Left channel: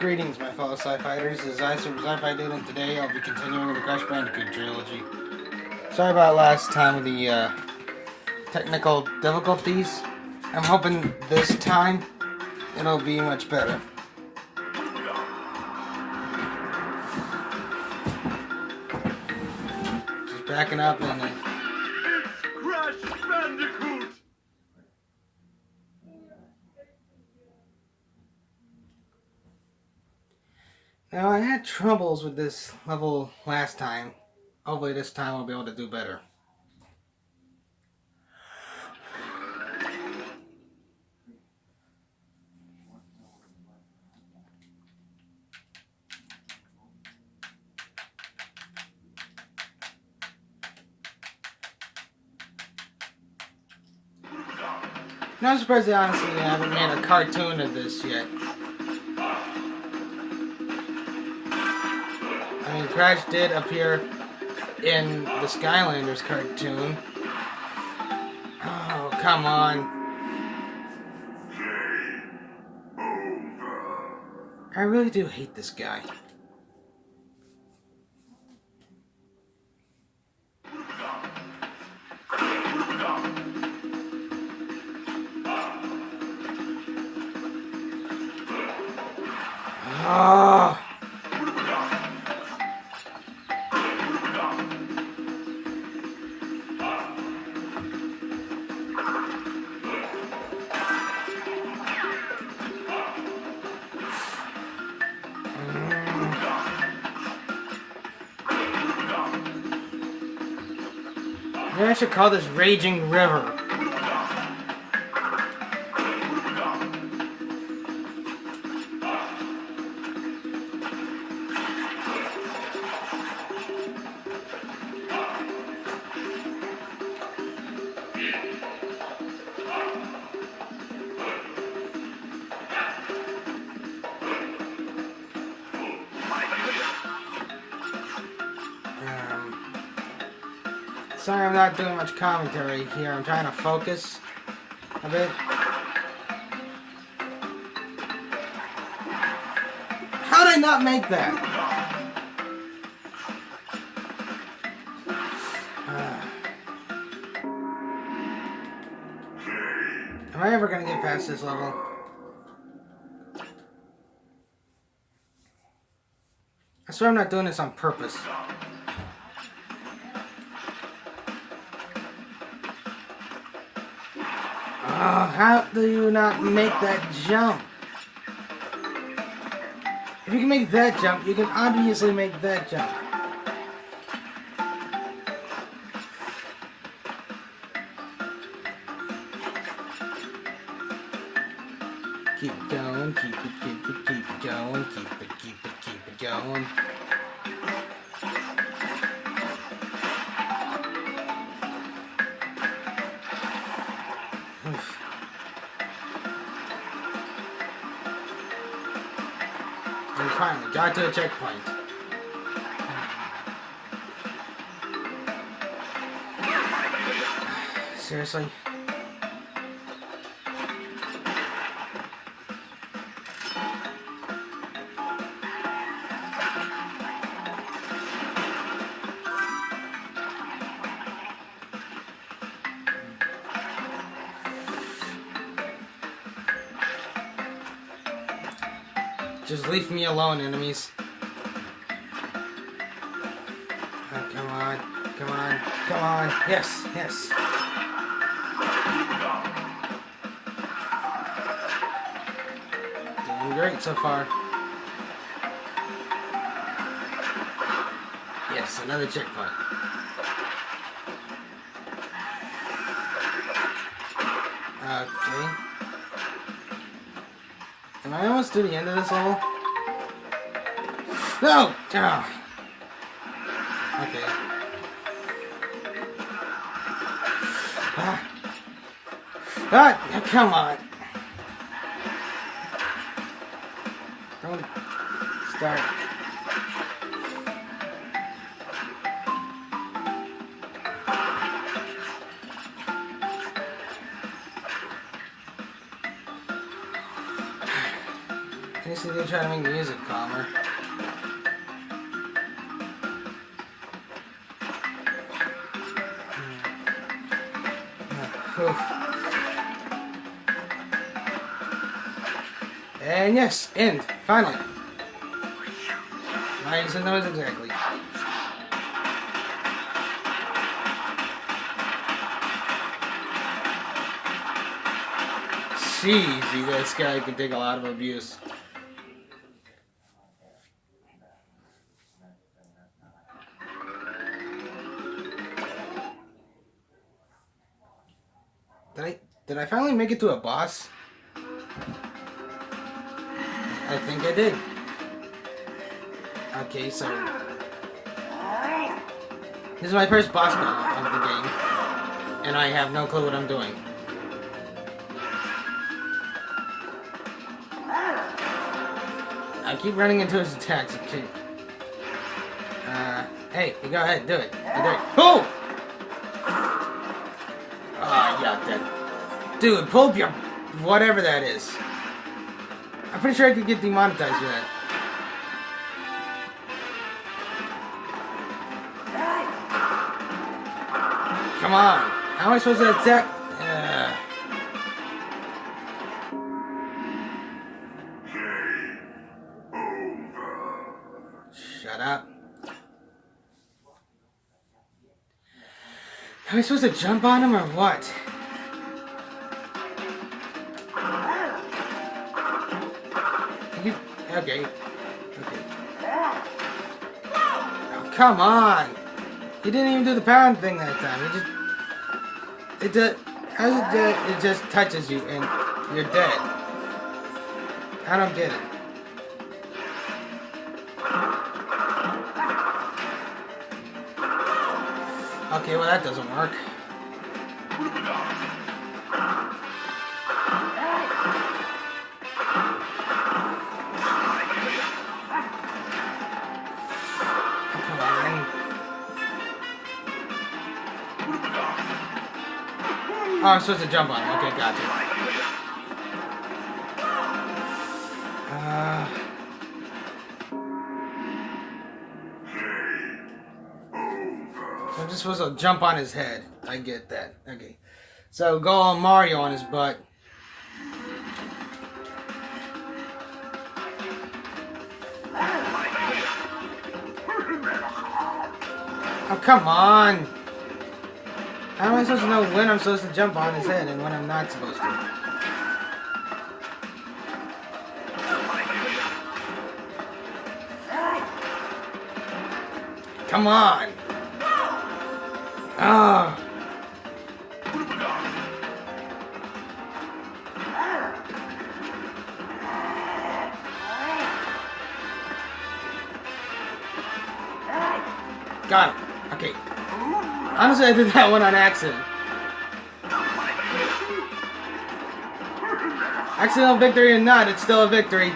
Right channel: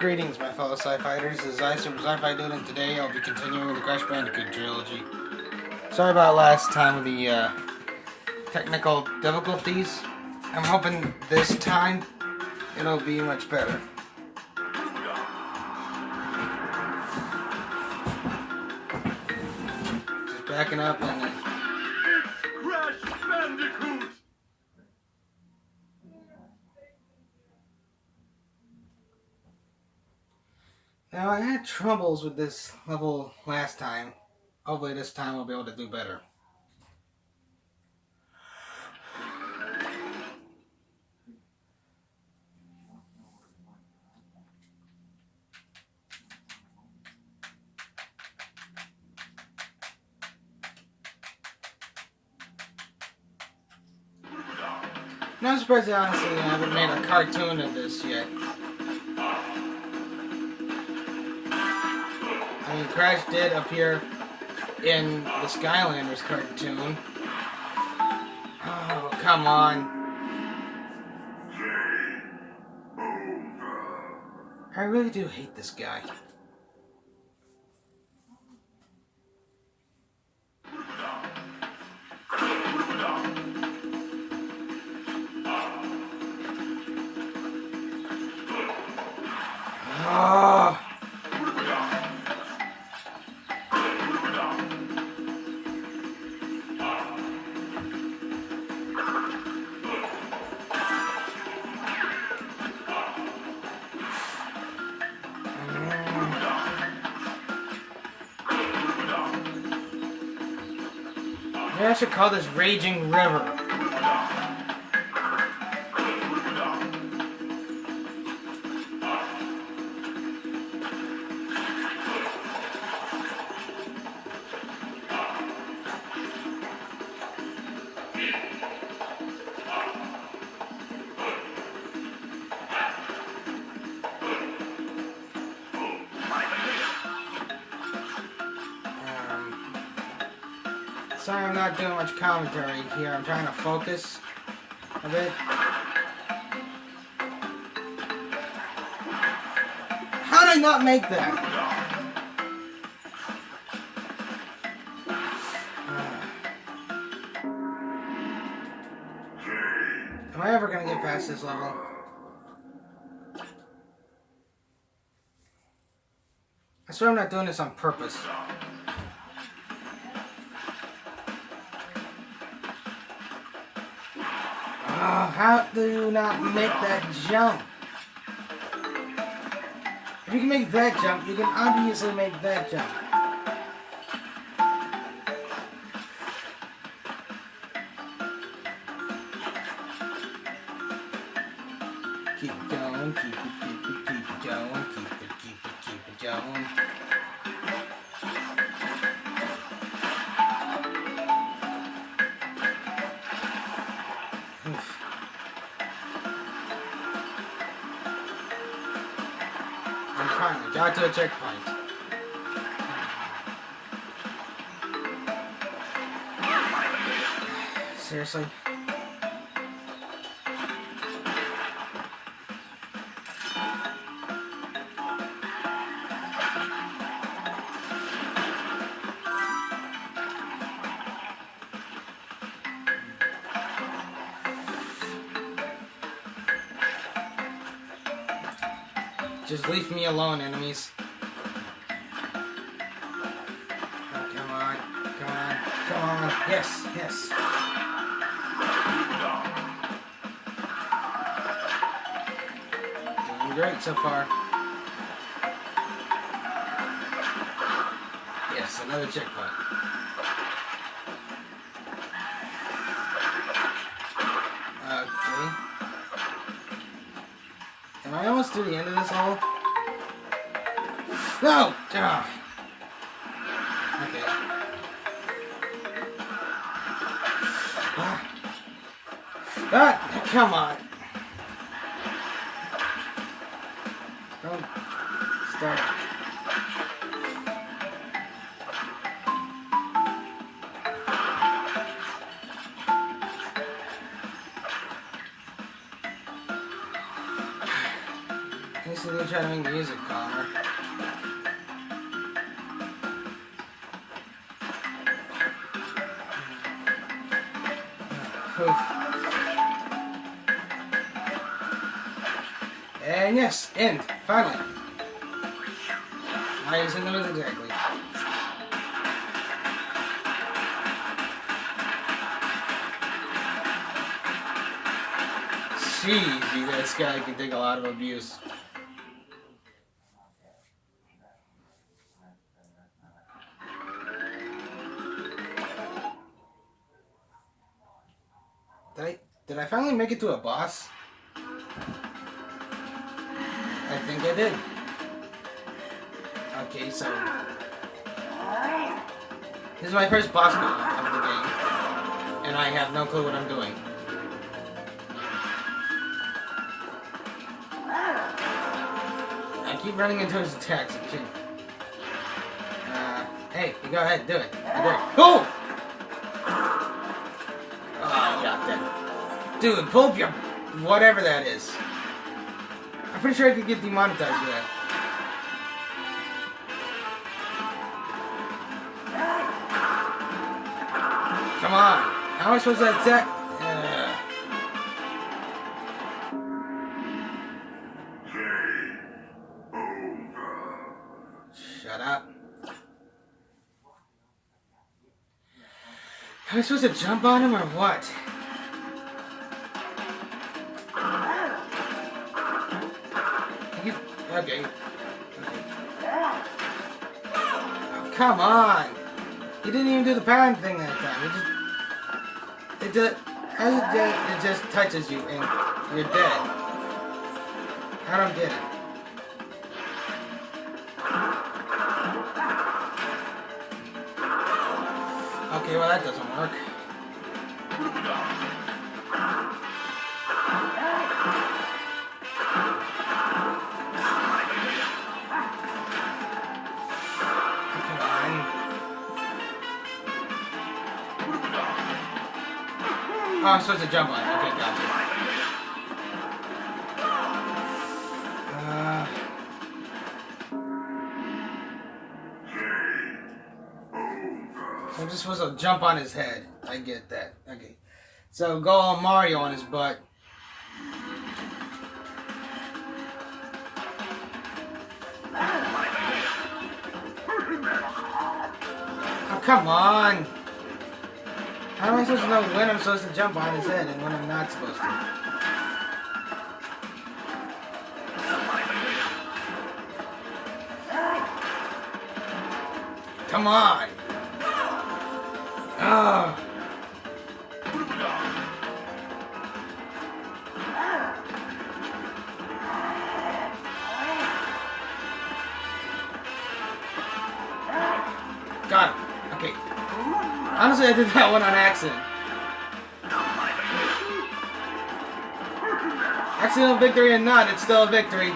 Greetings, my fellow Sci-Fighters. This is Sci-Fi Dude, and today I'll be continuing the Crash Bandicoot trilogy. Sorry about last time with the technical difficulties. I'm hoping this time it'll be much better. Just backing up and... Crash Bandicoot! Now, I had troubles with this level last time. Hopefully this time I'll be able to do better. Not surprised that honestly I haven't made a cartoon of this yet. I mean, Crash did appear in the Skylanders cartoon. Oh, come on. I really do hate this guy. Oh. Maybe I should call this Raging River. Sorry I'm not doing much commentary here. I'm trying to focus a bit. How did I not make that? Am I ever going to get past this level? I swear I'm not doing this on purpose. Oh, how do you not make that jump? If you can make that jump, you can obviously make that jump. Keep it going, keep it going, keep it going. And finally, got to a checkpoint. Seriously? Just leave me alone, enemies. Oh, come on, come on, come on. Yes, yes. Doing great so far. Yes, another checkpoint. Okay. Am I almost to the end of this level? No! Ah. Okay. Ah, come on. Don't start. least they didn't try to make music calmer. And yes, end. Finally. 90 centimeters exactly. Jeez, you guys, guy can take a lot of abuse. Did I finally make it to a boss? I think I did. Okay, so this is my first boss battle of the game, and I have no clue what I'm doing. I keep running into his attacks. Hey, you go ahead, do it. Oh! Oh, yeah, that. Dude, pull up your whatever that is. I'm pretty sure I could get demonetized for that. Come on. How am I supposed to attack? Shut up. Am I supposed to jump on him or what? Okay. Oh, come on! He didn't even do the pound thing that time. It just touches you and you're dead. I don't get it. Okay, well that doesn't work. Oh, I'm supposed to jump on it. Okay, gotcha. So I'm just supposed to jump on his head. I get that. Okay. So go all Mario on his butt. Oh, come on. How am I supposed to know when I'm supposed to jump on his head and when I'm not supposed to? Come on! Oh. Got it. Okay. Honestly, I did that one on accident. Accidental victory or not, it's still a victory.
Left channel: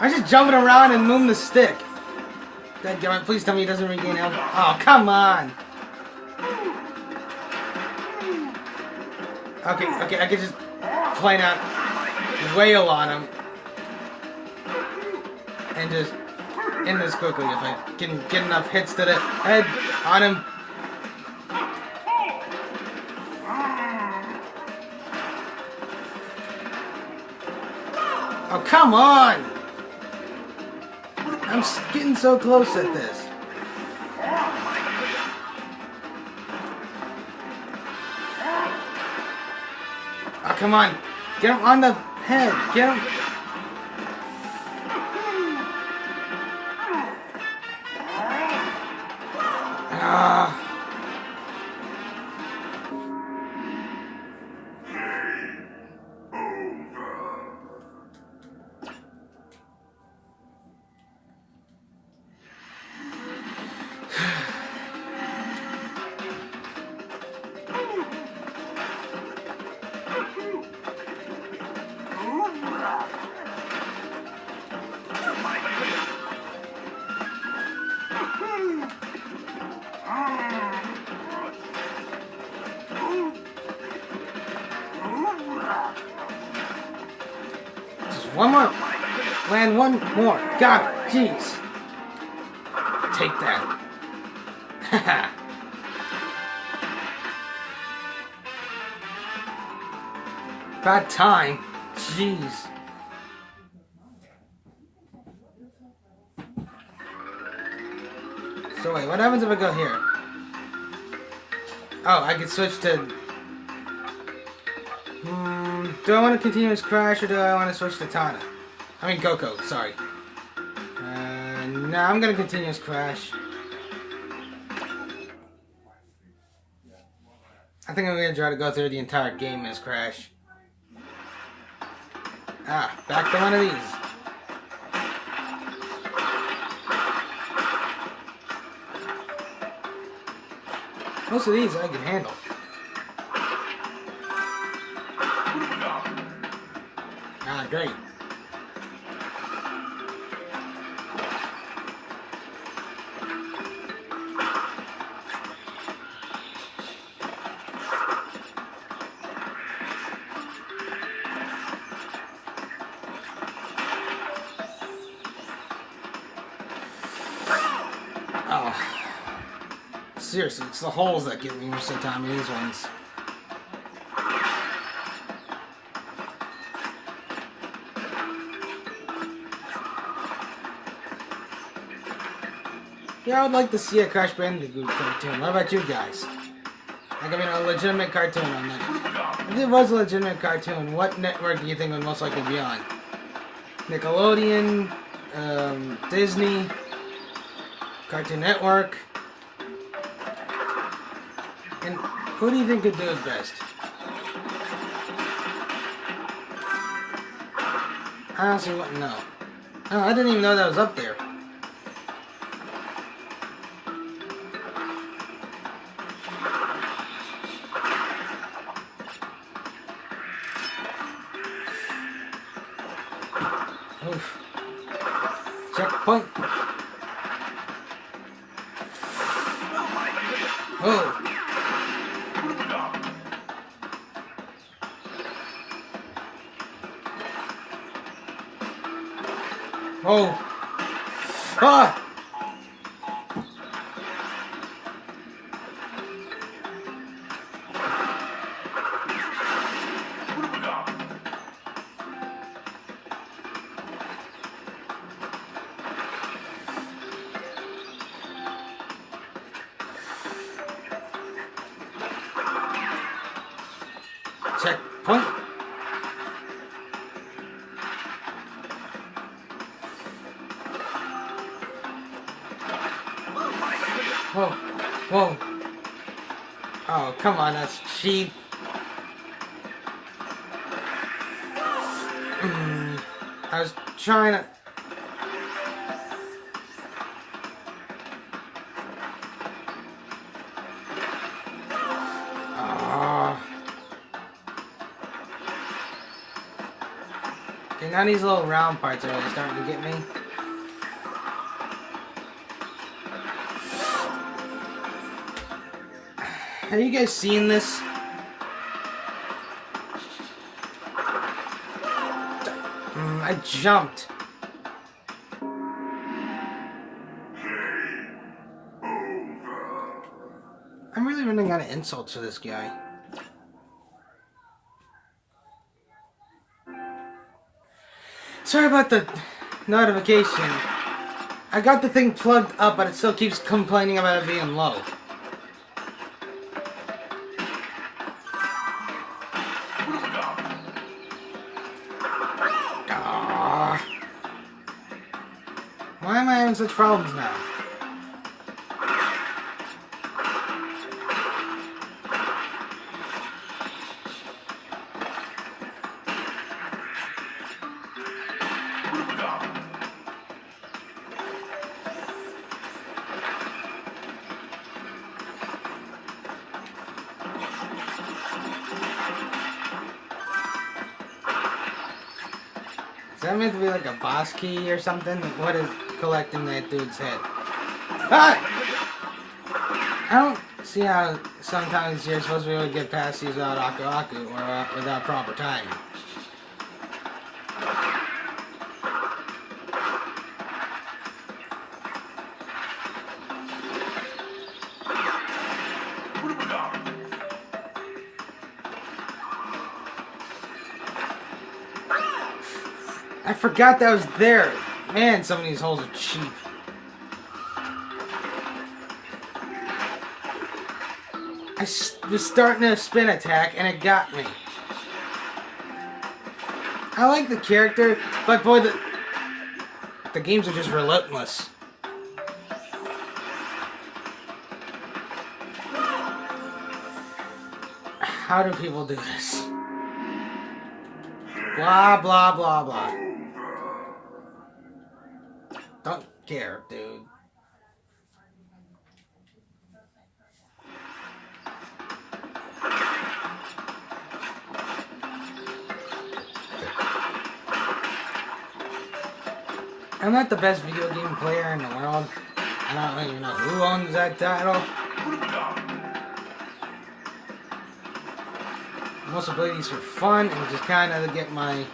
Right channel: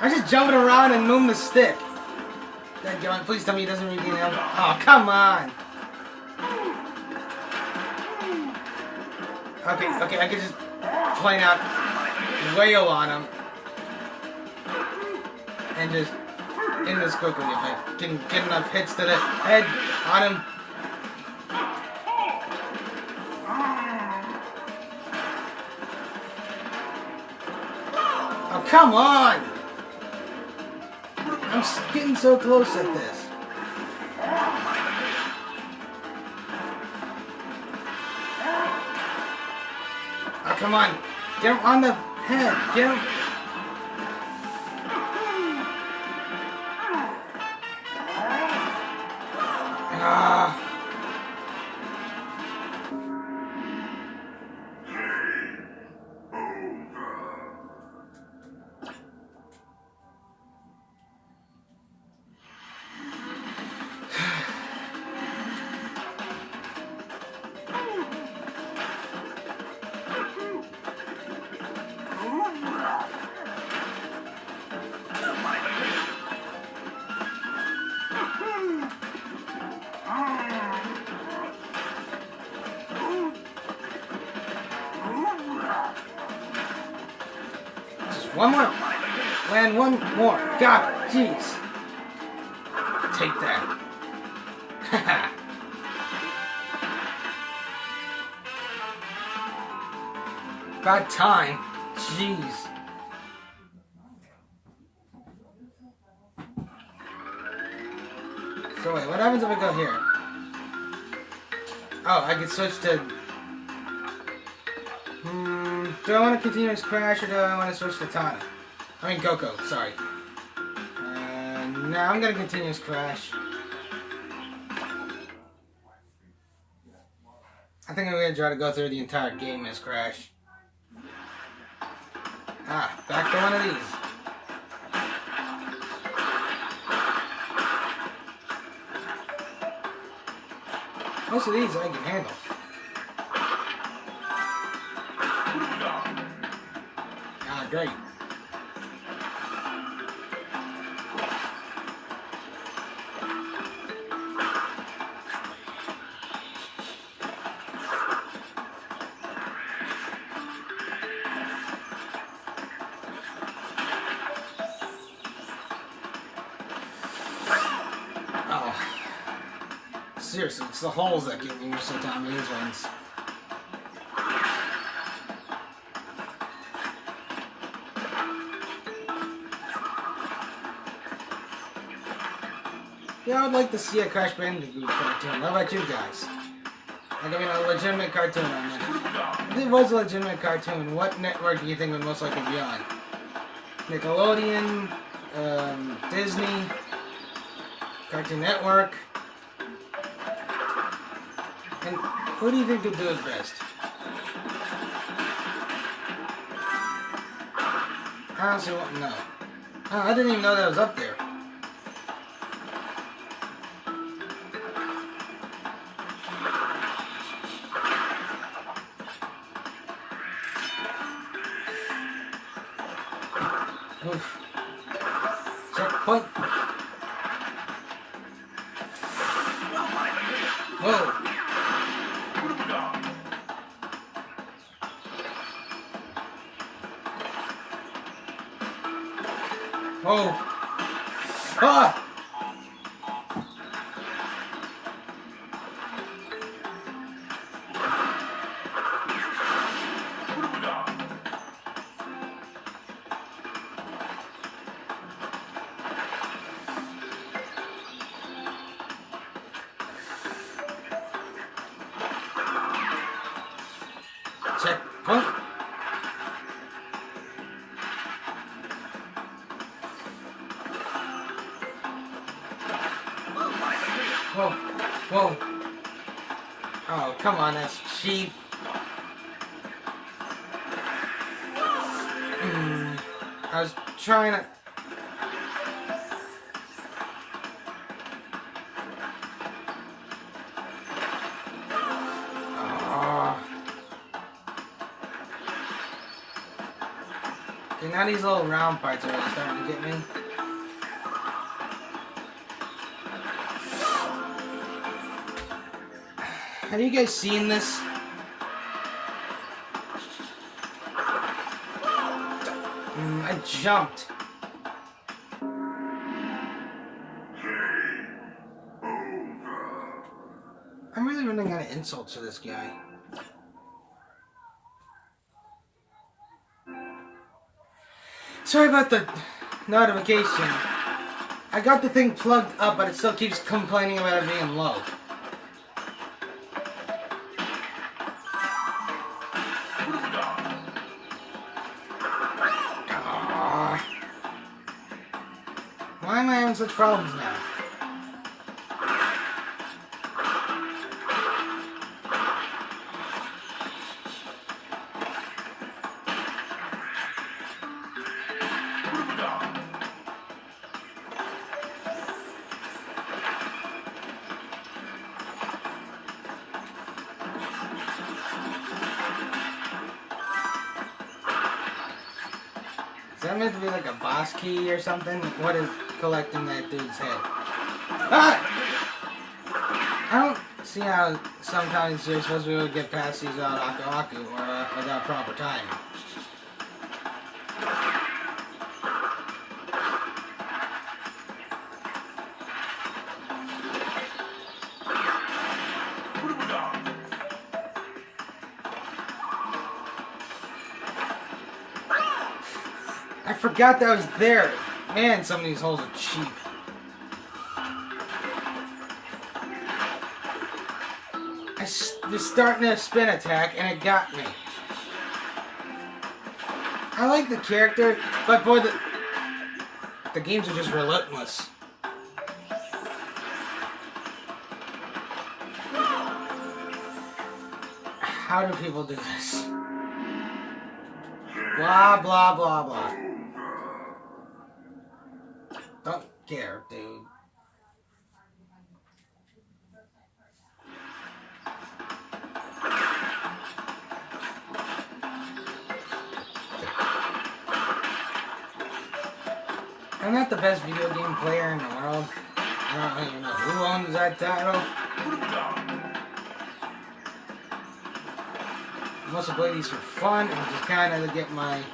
I'm just jumping around and moving the stick. God, please tell me he doesn't regain health. Oh, come on. Okay, I could just plain out wail on him. And just end this quickly if I can get enough hits to the head on him. Oh, come on! I'm getting so close at this. Oh, come on. Get him on the head. Get him. One more. Land one more. God, jeez. Take that. Haha. About time. Jeez. So wait, what happens if I go here? Oh, I can switch to... do I want to continuous crash or do I want to switch to Tana? I mean Coco, sorry. No, I'm gonna continuous crash. I think I'm gonna try to go through the entire game as Crash. Ah, back to one of these. Most of these I can handle. Ah, great. Seriously, it's the holes that get me most of the time in these ones. Yeah, I would like to see a Crash Bandicoot cartoon. How about you guys? Like, I mean, a legitimate cartoon on that. If it was a legitimate cartoon, what network do you think would most likely be on? Nickelodeon, Disney, Cartoon Network. And who do you think could do it best? I honestly wouldn't know. Oh, I didn't even know that was up there. Oof. Checkpoint. Whoa. Oh! Ah! Checkpoint. Whoa, whoa. Oh, come on, that's cheap. I was trying to... Okay, now these little round parts are really starting to get me. Have you guys seen this? I jumped. I'm really running out of insults for this guy. Sorry about the notification. I got the thing plugged up, but it still keeps complaining about it being low. Why am I having such problems now? Is that meant to be like a boss key or something? What is collecting that dude's head? Ah! I don't see how sometimes you're supposed to be able to get past these without Aku Aku or without proper timing. I forgot that was there. Man, some of these holes are cheap. I was starting a spin attack and it got me. I like the character, but boy, the games are just relentless. How do people do this? Blah, blah, blah, blah. Don't care, dude. I'm not the best video game player in the world. I don't even know who owns that title. I mostly play these for fun and just kind of to get my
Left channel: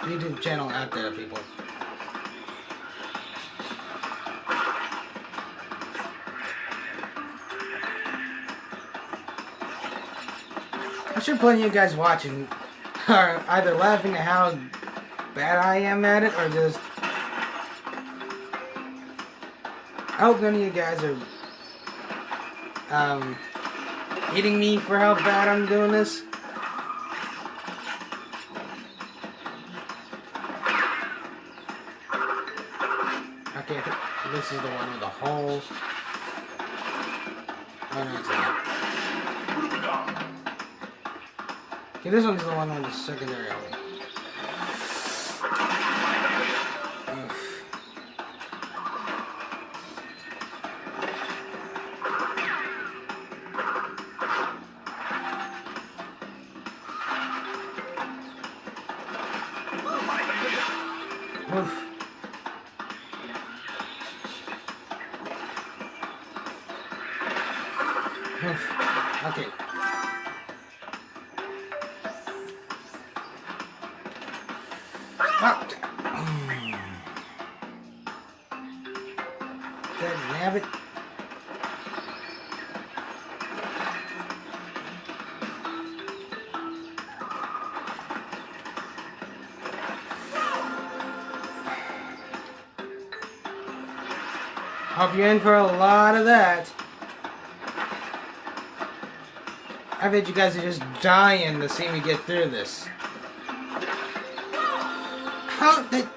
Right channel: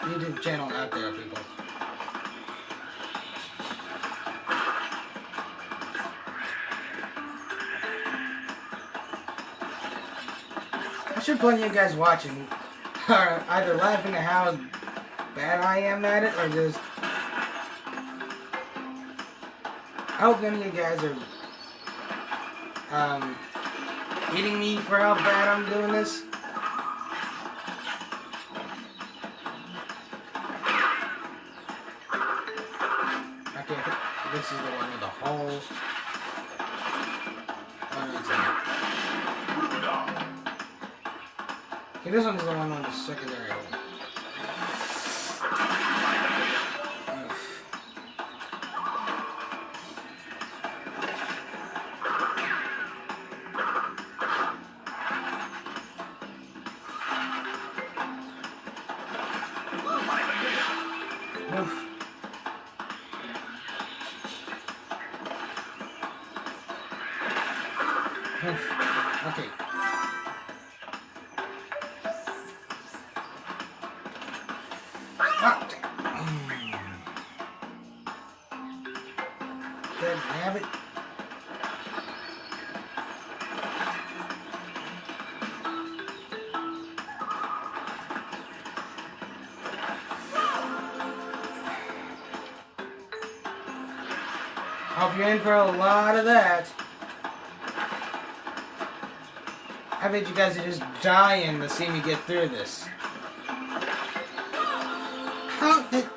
YouTube channel out there to people. I'm sure plenty of you guys watching are either laughing at how bad I am at it or just... I hope none of you guys are hating me for how bad I'm doing this. Okay, I think this is the one with the holes. Oh, no, it's not. Okay, this one's the one with the secondary hole. Oof. Oof. Okay. Ah. There we have it. Hope you're in for a lot of that. I bet you guys are just dying to see me get through this. How did...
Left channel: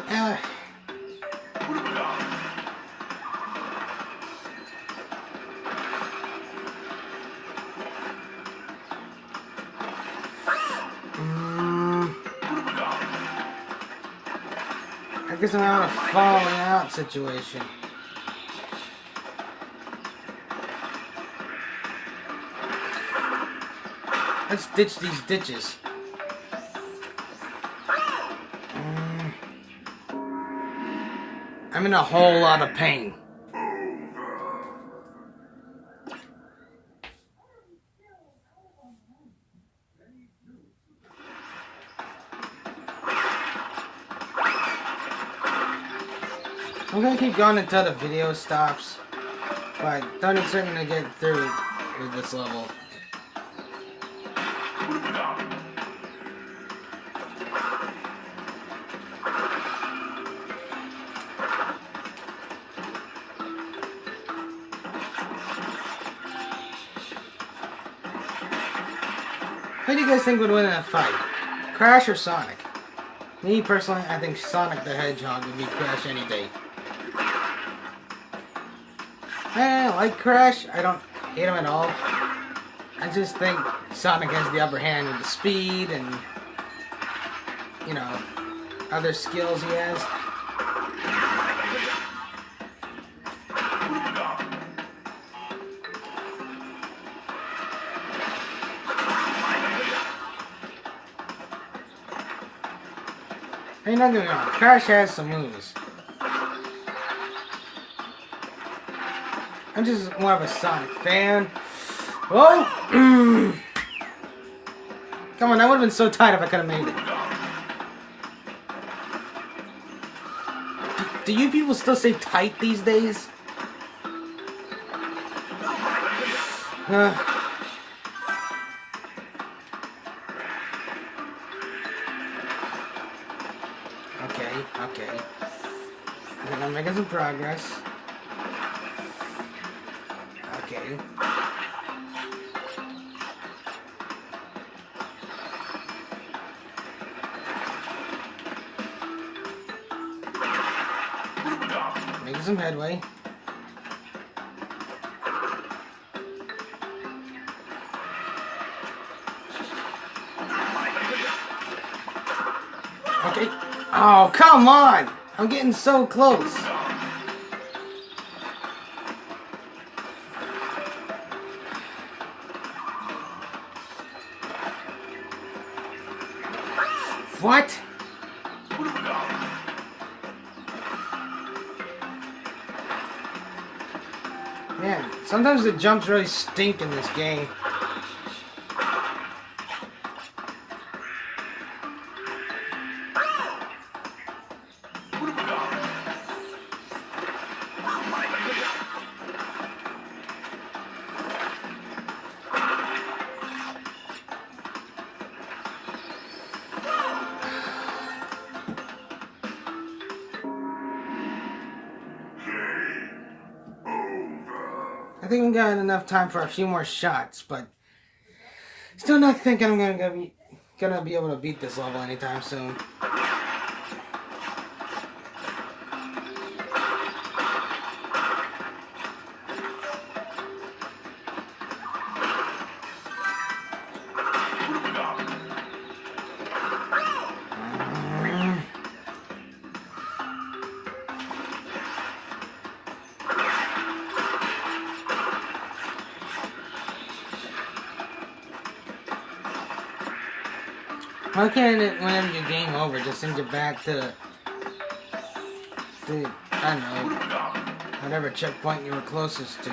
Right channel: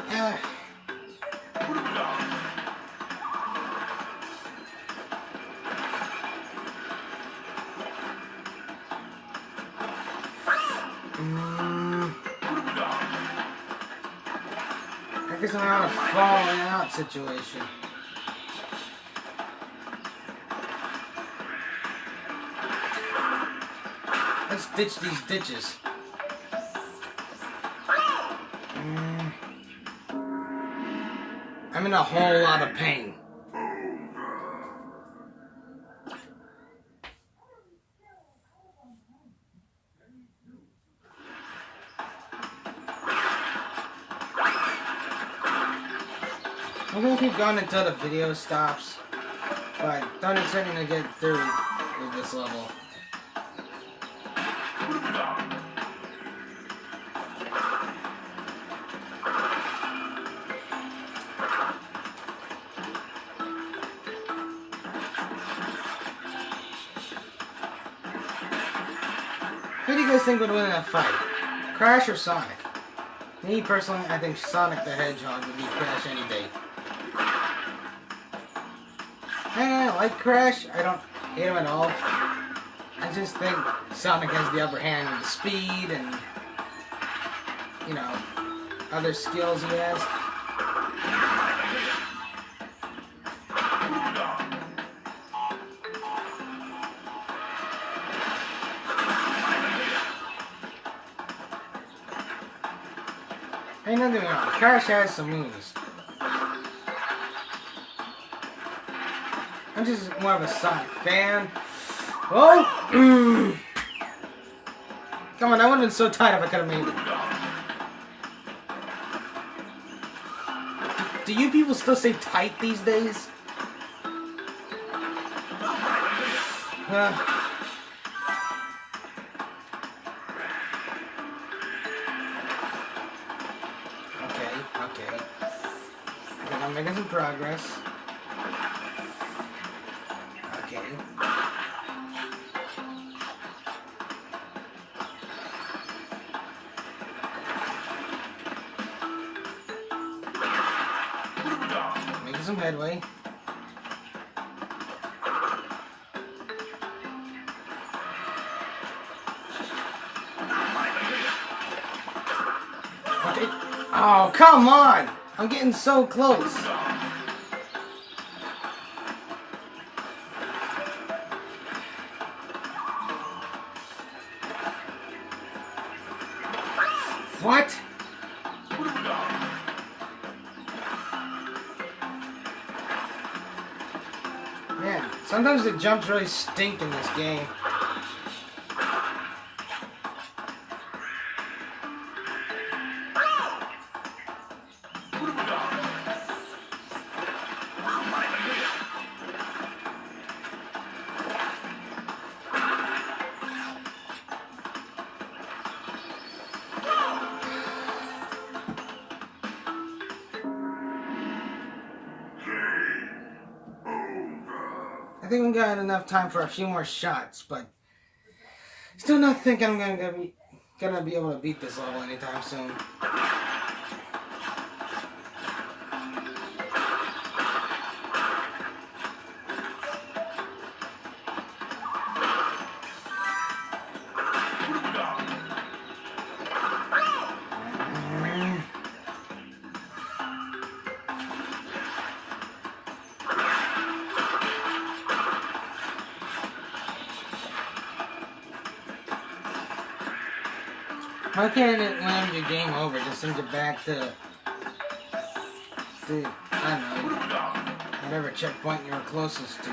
I guess I'm having a falling out situation. Let's ditch these ditches. I'm in a whole lot of pain. I'm gonna keep going until the video stops, but don't expect me to get through with this level. Who do you guys think would win in a fight? Crash or Sonic? Me personally, I think Sonic the Hedgehog would beat Crash any day. I like Crash. I don't hate him at all. I just think Sonic has the upper hand with the speed and, you know, other skills he has. Ain't nothing wrong. Crash has some moves. I'm just more of a Sonic fan. Oh! Come on, that would have been so tight if I could have made it. Do you people still say tight these days? Okay. Okay, I'm making some progress. Okay. Making some headway. Okay. Oh, come on! I'm getting so close. What? Man, sometimes the jumps really stink in this game. I think I'm getting enough time for a few more shots, but still not thinking I'm gonna be able to beat this level anytime soon. Why can't it, whenever your game over, just send you back to I don't know, whatever checkpoint you were closest to,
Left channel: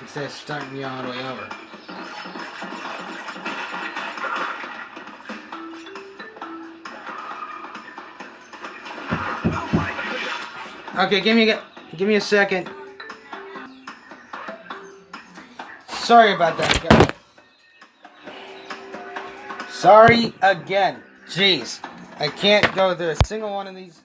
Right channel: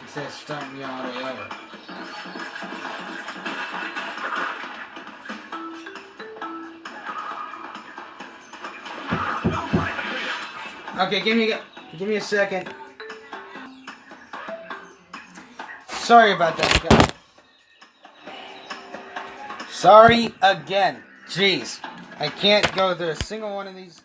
instead of starting you all the way over. Okay, give me a second. Sorry about that, guys. Sorry again. Jeez. I can't go through a single one of these